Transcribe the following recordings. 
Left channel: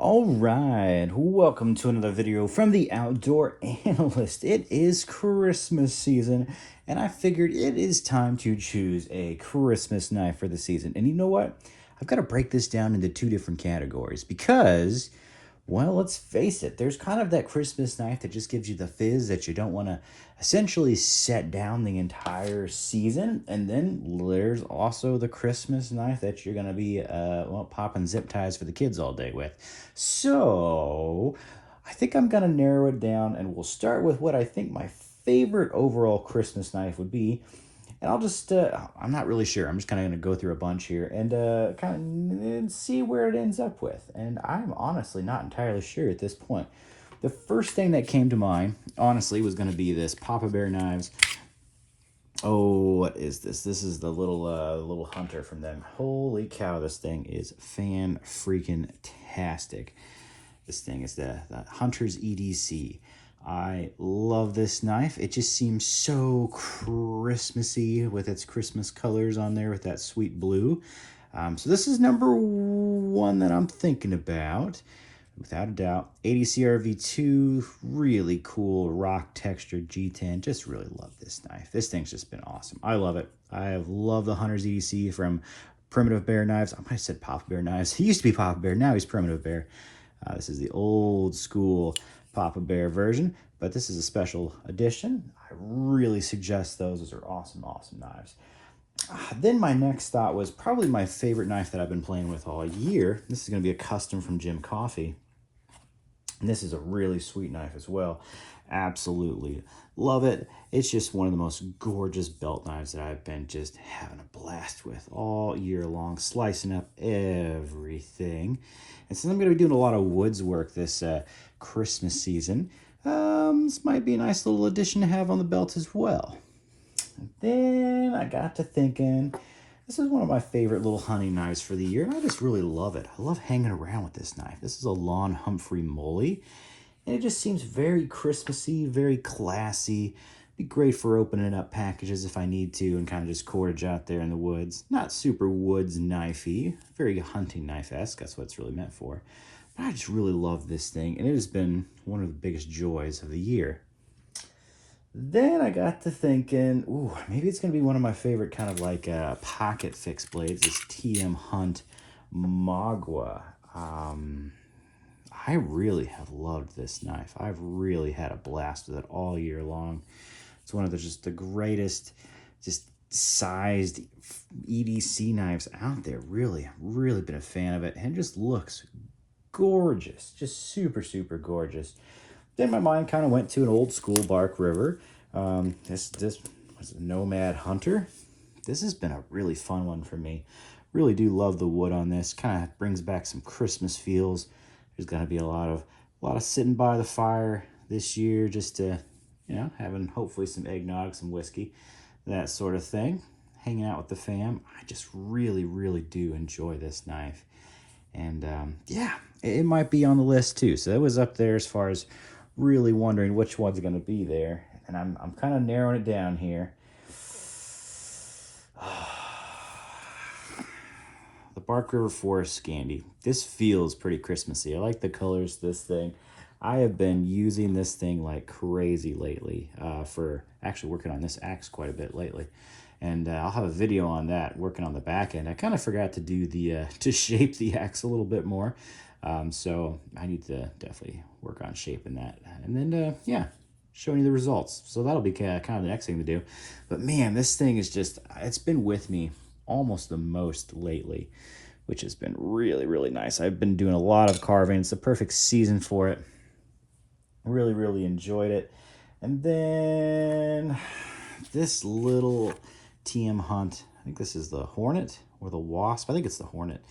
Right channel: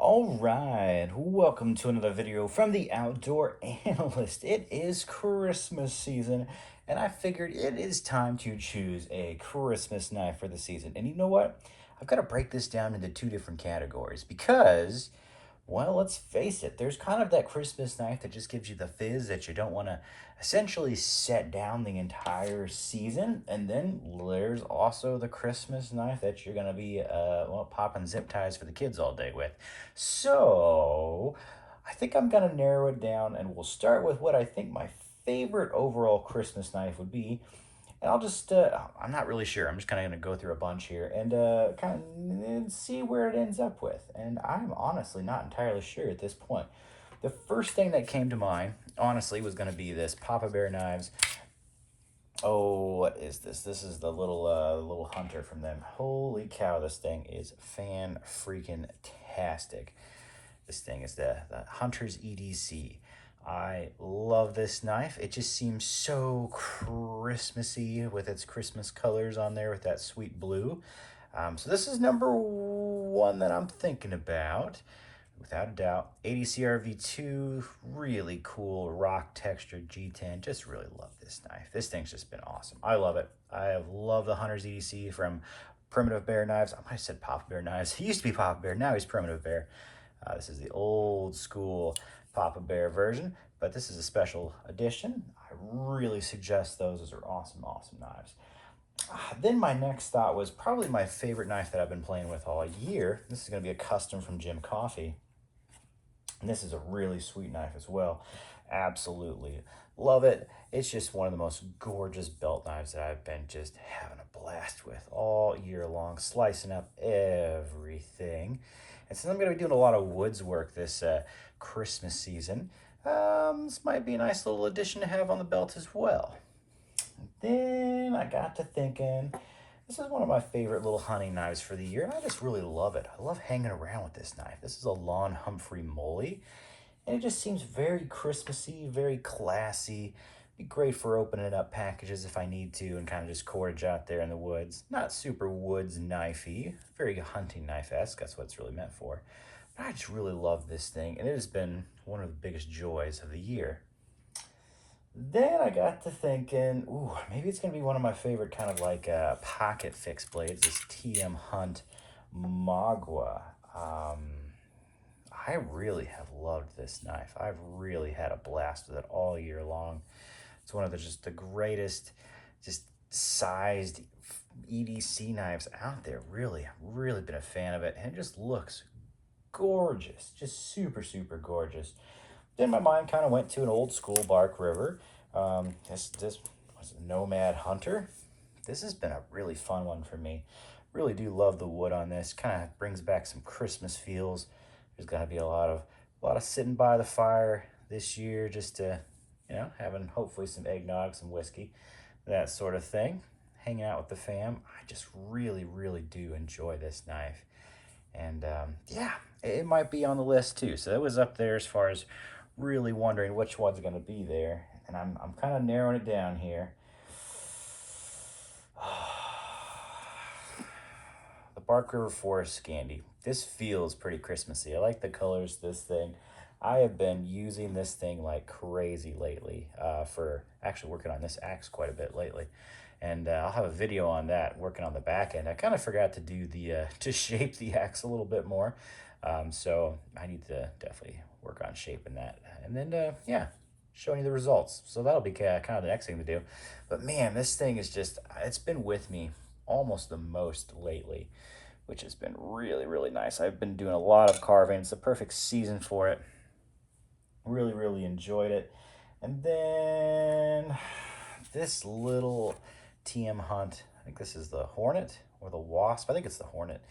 All right, welcome to another video from the Outdoor Analyst. It is Christmas season, and I figured it is time to choose a Christmas knife for the season. And you know what? I've got to break this down into two different categories because, well, let's face it, there's kind of that Christmas knife that just gives you the fizz that you don't want to essentially set down the entire season. And then there's also the Christmas knife that you're going to be, popping zip ties for the kids all day with. So I think I'm going to narrow it down and we'll start with what I think my favorite overall Christmas knife would be. And I'll just, I'm not really sure. I'm just kind of going to go through a bunch here and kind of see where it ends up with. And I'm honestly not entirely sure at this point. The first thing that came to mind, honestly, was going to be this Papa Bear Knives. Oh, what is this? This is the little hunter from them. Holy cow, this thing is fan-freaking-tastic. This thing is the Hunter's EDC. I love this knife. It just seems so Christmassy with its Christmas colors on there with that sweet blue. So this is number one that I'm thinking about. Without a doubt, ADC RV2, really cool rock textured G10. Just really love this knife. This thing's just been awesome. I love it. I have loved the Hunter's EDC from Primitive Bear Knives. I might have said Papa Bear Knives. He used to be Papa Bear, now he's Primitive Bear. This is the old school Papa Bear version, but this is a special edition. I really suggest those. Those are awesome, awesome knives. Then my next thought was probably my favorite knife that I've been playing with all year. This is going to be a custom from Jim Coffey. And this is a really sweet knife as well. Absolutely love it. It's just one of the most gorgeous belt knives that I've been just having a blast with all year long, slicing up everything. And since I'm going to be doing a lot of woods work this Christmas season, this might be a nice little addition to have on the belt as well. And then I got to thinking, this is one of my favorite little hunting knives for the year. I just really love it. I love hanging around with this knife. This is a Lon Humphrey Molly. And it just seems very Christmassy, very classy. Be great for opening up packages if I need to and kind of just cordage out there in the woods. Not super woods knifey, very hunting knife-esque. That's what it's really meant for. But I just really love this thing. And it has been one of the biggest joys of the year. Then I got to thinking, ooh, maybe it's going to be one of my favorite kind of like pocket fixed blades, this TM Hunt Magua. I really have loved this knife. I've really had a blast with it all year long. It's one of the greatest just sized EDC knives out there. Really, really been a fan of it. And it just looks gorgeous. Just super, super gorgeous. Then my mind kind of went to an old school Bark River. This was a Nomad Hunter. This has been a really fun one for me. Really do love the wood on this. Kind of brings back some Christmas feels. There's going to be a lot of sitting by the fire this year, just to, having hopefully some eggnog, some whiskey, that sort of thing. Hanging out with the fam. I just really, really do enjoy this knife. And yeah, it might be on the list too. So it was up there as far as really wondering which one's going to be there. And I'm kind of narrowing it down here. The Bark River Forest Scandi. This feels pretty Christmassy. I like the colors of this thing. I have been using this thing like crazy lately for actually working on this axe quite a bit lately. And I'll have a video on that, working on the back end. I kind of forgot to do to shape the axe a little bit more. So I need to definitely work on shaping that. And then, yeah, showing you the results. So that'll be kind of the next thing to do. But man, this thing is just, it's been with me almost the most lately, which has been really, really nice. I've been doing a lot of carving. It's the perfect season for it. Really, really enjoyed it. And then this little TM Hunt, I think this is the Hornet or the Wasp. I think it's the Hornet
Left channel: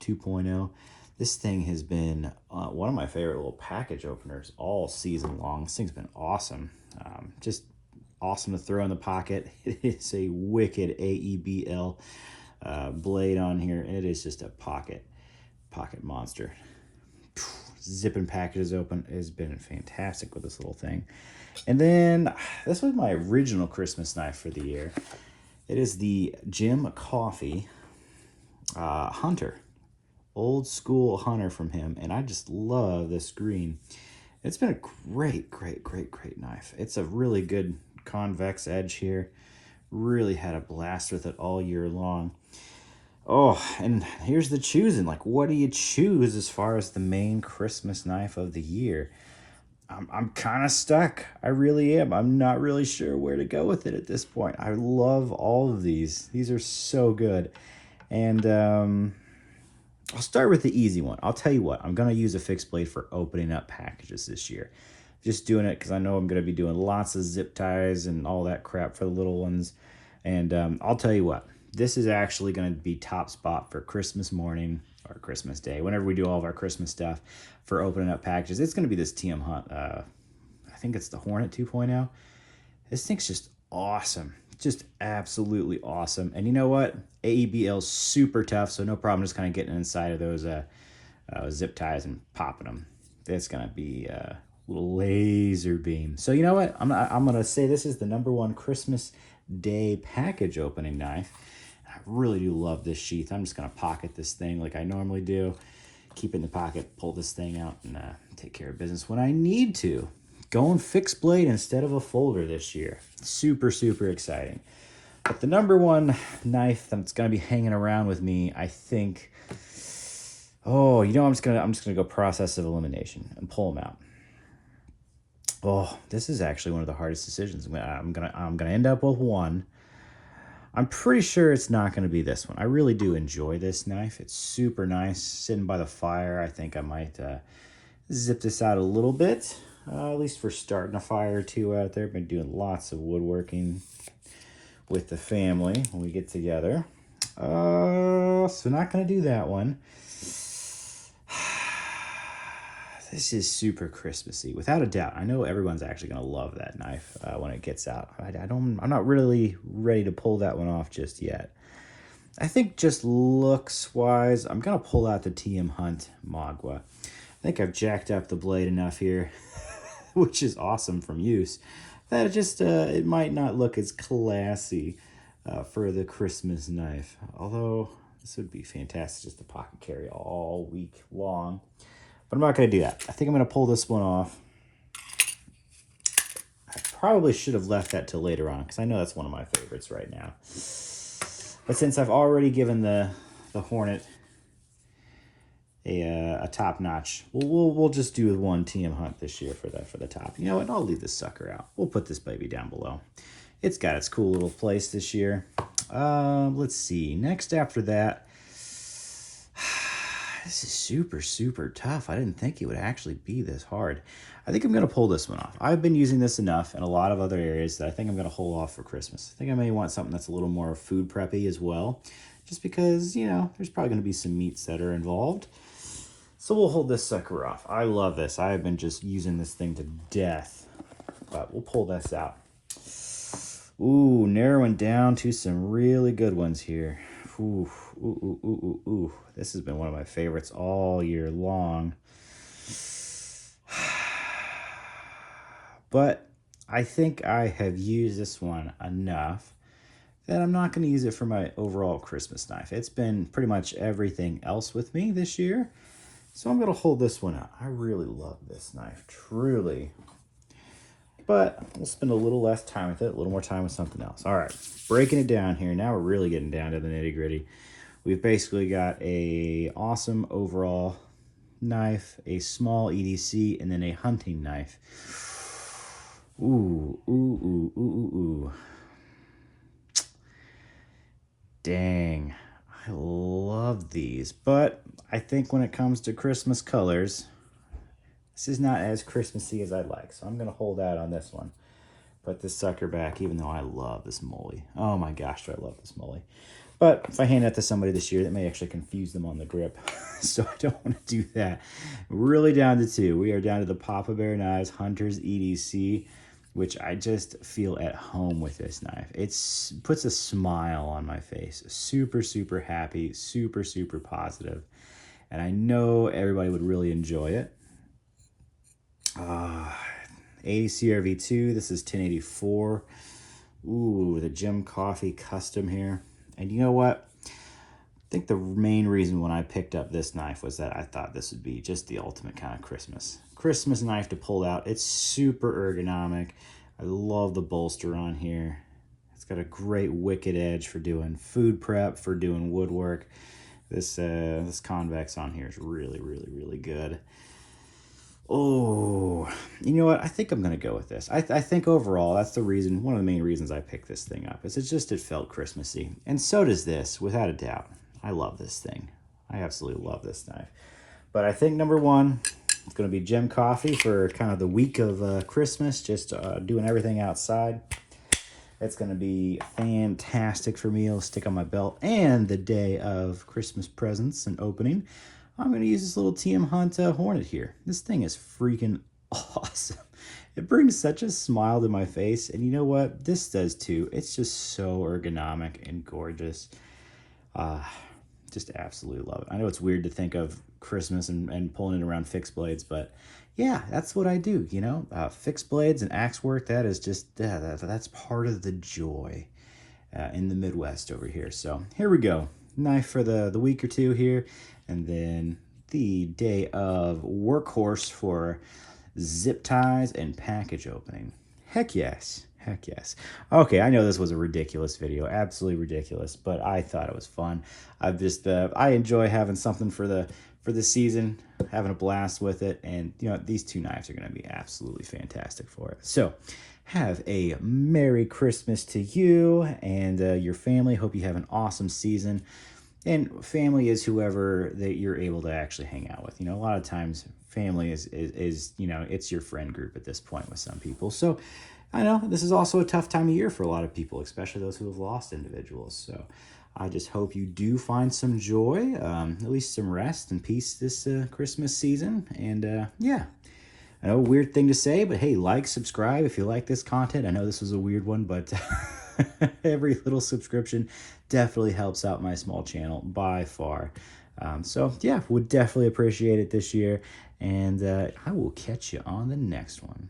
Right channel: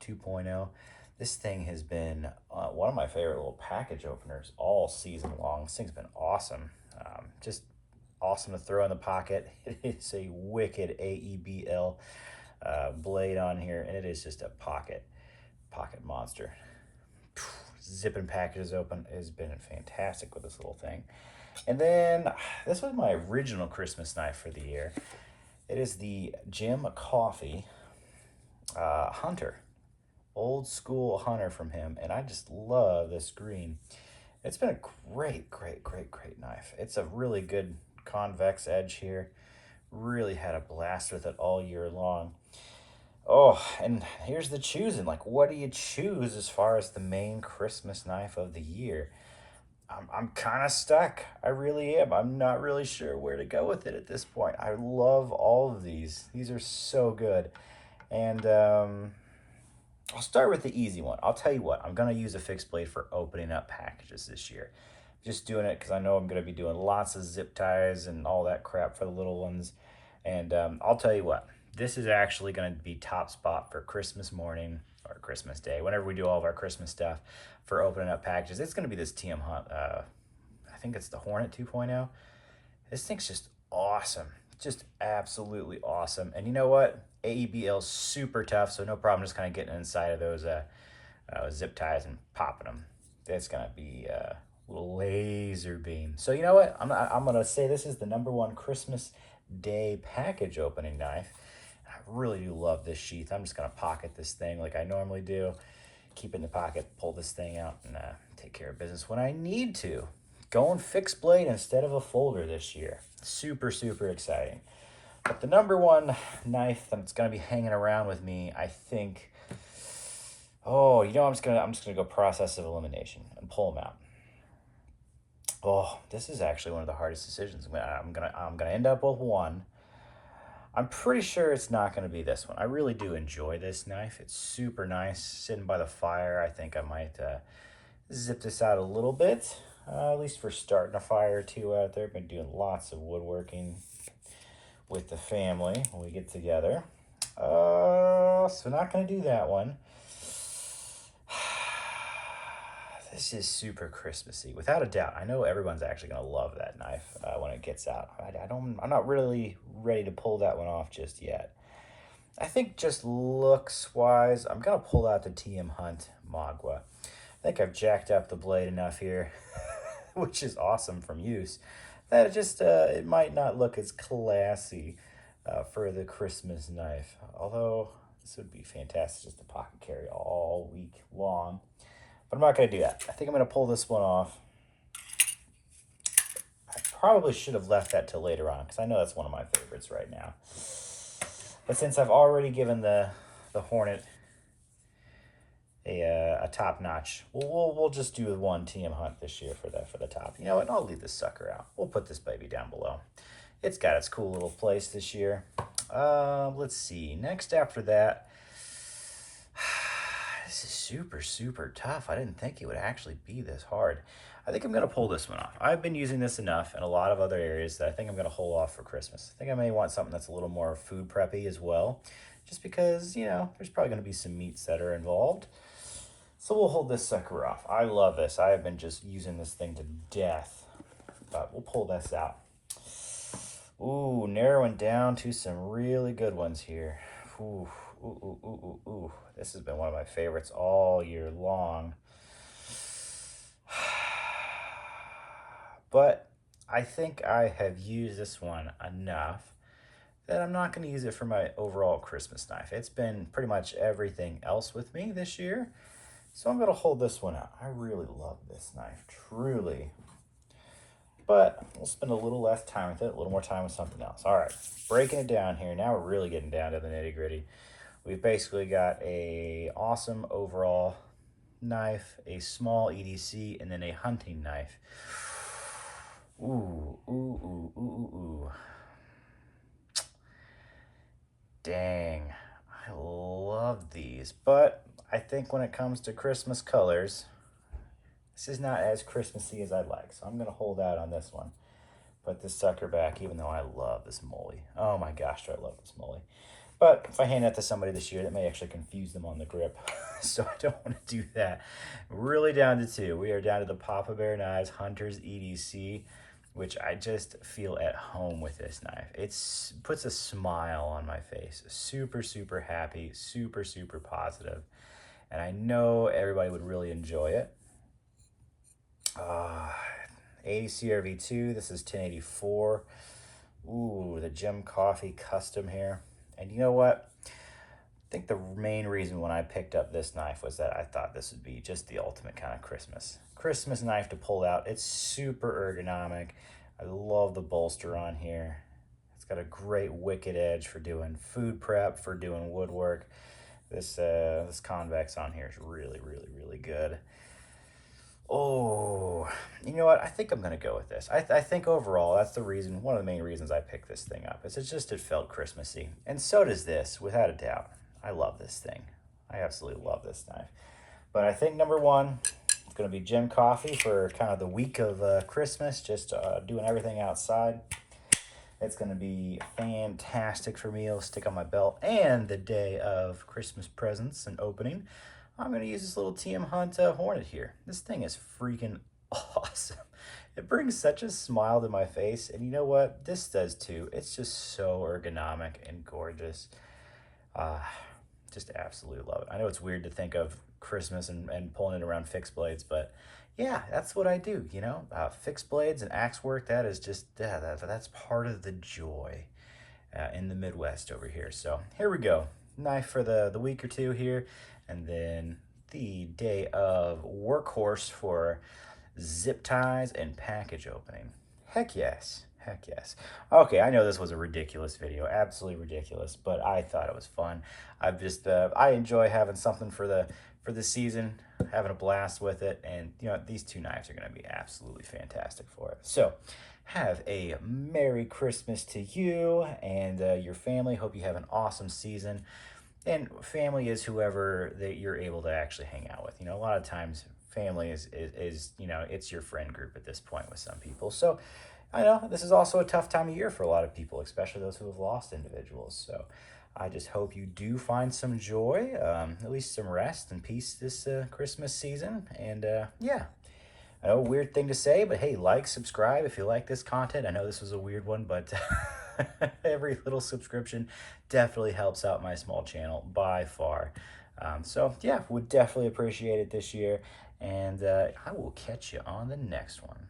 2.0. This thing has been one of my favorite little package openers all season long. This thing's been awesome. Just awesome to throw in the pocket. It is a wicked AEBL blade on here, and it is just a pocket monster. Zipping packages open has been fantastic with this little thing. And then this was my original Christmas knife for the year. It is the Jim Coffey Hunter. old school hunter from him, and I just love this green. It's been a great knife. It's a really good convex edge here. Really had a blast with it all year long. Oh, and here's the choosing. Like, what do you choose as far as the main Christmas knife of the year? I'm kind of stuck. I really am. I'm not really sure where to go with it at this point. I love all of these. These are so good. And I'll start with the easy one. I'll tell you what, I'm going to use a fixed blade for opening up packages this year. Just doing it because I know I'm going to be doing lots of zip ties and all that crap for the little ones. And I'll tell you what, this is actually going to be top spot for Christmas morning or Christmas Day, whenever we do all of our Christmas stuff for opening up packages. It's going to be this TM Hunt. I think it's the Hornet 2.0. This thing's just awesome. Just absolutely awesome. And you know what? AEBL's super tough, so no problem just kind of getting inside of those zip ties and popping them. It's going to be a little laser beam. So you know what? I'm going to say this is the #1 Christmas Day package opening knife. I really do love this sheath. I'm just going to pocket this thing like I normally do. Keep it in the pocket, pull this thing out, and take care of business when I need to. Going fixed blade instead of a folder this year. Super exciting. But the #1 knife that's gonna be hanging around with me, I think. Oh, you know, I'm just gonna go process of elimination and pull them out. Oh, this is actually one of the hardest decisions. I'm gonna end up with one. I'm pretty sure it's not going to be this one. I really do enjoy this knife. It's super nice. Sitting by the fire, I think I might zip this out a little bit. At least for starting a fire or two out there. Been doing lots of woodworking with the family when we get together. So not going to do that one. This is super Christmassy, without a doubt. I know everyone's actually going to love that knife when it gets out. I'm not really ready to pull that one off just yet. I think just looks-wise, I'm going to pull out the TM Hunt Magua. I think I've jacked up the blade enough here, which is awesome from use, that it might not look as classy for the Christmas knife. Although, this would be fantastic just to pocket carry all week long. But I'm not going to do that. I think I'm going to pull this one off. I probably should have left that till later on because I know that's one of my favorites right now. But since I've already given the Hornet a top notch, we'll just do one TM Hunt this year for the top. You know what? I'll leave this sucker out. We'll put this baby down below. It's got its cool little place this year. Let's see. Next after that. This is super tough. I didn't think it would actually be this hard. I think I'm going to pull this one off. I've been using this enough in a lot of other areas that I think I'm going to hold off for Christmas. I think I may want something that's a little more food preppy as well, just because, you know, there's probably going to be some meats that are involved. So we'll hold this sucker off. I love this. I've been just using this thing to death, but we'll pull this out. Ooh, narrowing down to some really good ones here. Ooh. This has been one of my favorites all year long. But I think I have used this one enough that I'm not going to use it for my overall Christmas knife. It's been pretty much everything else with me this year. So I'm going to hold this one out. I really love this knife, truly. But we'll spend a little less time with it, a little more time with something else. All right, breaking it down here. Now we're really getting down to the nitty-gritty. We've basically got a awesome overall knife, a small EDC, and then a hunting knife. Ooh. Dang, I love these. But I think when it comes to Christmas colors, this is not as Christmassy as I'd like. So I'm going to hold out on this one. Put this sucker back, even though I love this molly. Oh my gosh, do I love this molly. But if I hand that to somebody this year, that may actually confuse them on the grip. So I don't want to do that. Really down to two. We are down to the Papa Bear Knives Hunter's EDC, which I just feel at home with this knife. It puts a smile on my face. Super happy, super positive. And I know everybody would really enjoy it. 80 CRV2, this is 1084. Ooh, the Jim Coffee custom here. And you know what? think the main reason when I picked up this knife was that I thought this would be just the ultimate kind of Christmas knife to pull out. It's super ergonomic. I love the bolster on here. It's got a great wicked edge for doing food prep, for doing woodwork. This convex on here is really, really, really good. Oh, you know what? I think I'm gonna go with this. I think overall that's the reason, one of the main reasons I picked this thing up is it felt Christmassy, and so does this, without a doubt. I love this thing. I absolutely love this knife. But I think number one, it's gonna be Gem Coffee for kind of the week of Christmas, just doing everything outside. It's gonna be fantastic for me. It'll stick on my belt, and the day of Christmas presents and opening, I'm going to use this little TM Hunt Hornet here. This thing is freaking awesome. It brings such a smile to my face, and you know what? This does too. It's just so ergonomic and gorgeous. Uh, just absolutely love it. I know it's weird to think of Christmas and pulling it around fixed blades, but yeah, that's what I do, you know? Fixed blades and axe work, that is just, that's part of the joy in the Midwest over here. So here we go. Knife for the week or two here. And then the day of workhorse for zip ties and package opening. Heck yes. Heck yes. Okay, I know this was a ridiculous video, absolutely ridiculous, but I thought it was fun. I enjoy having something for the season, having a blast with it, and you know these two knives are going to be absolutely fantastic for it. So, have a Merry Christmas to you and your family. Hope you have an awesome season. And family is whoever that you're able to actually hang out with. You know, a lot of times family is you know, it's your friend group at this point with some people. So I know this is also a tough time of year for a lot of people, especially those who have lost individuals. So I just hope you do find some joy, at least some rest and peace this Christmas season. And yeah, I know, weird thing to say, but hey, like, subscribe if you like this content. I know this was a weird one, but every little subscription definitely helps out my small channel by far. So yeah, would definitely appreciate it this year. And I will catch you on the next one.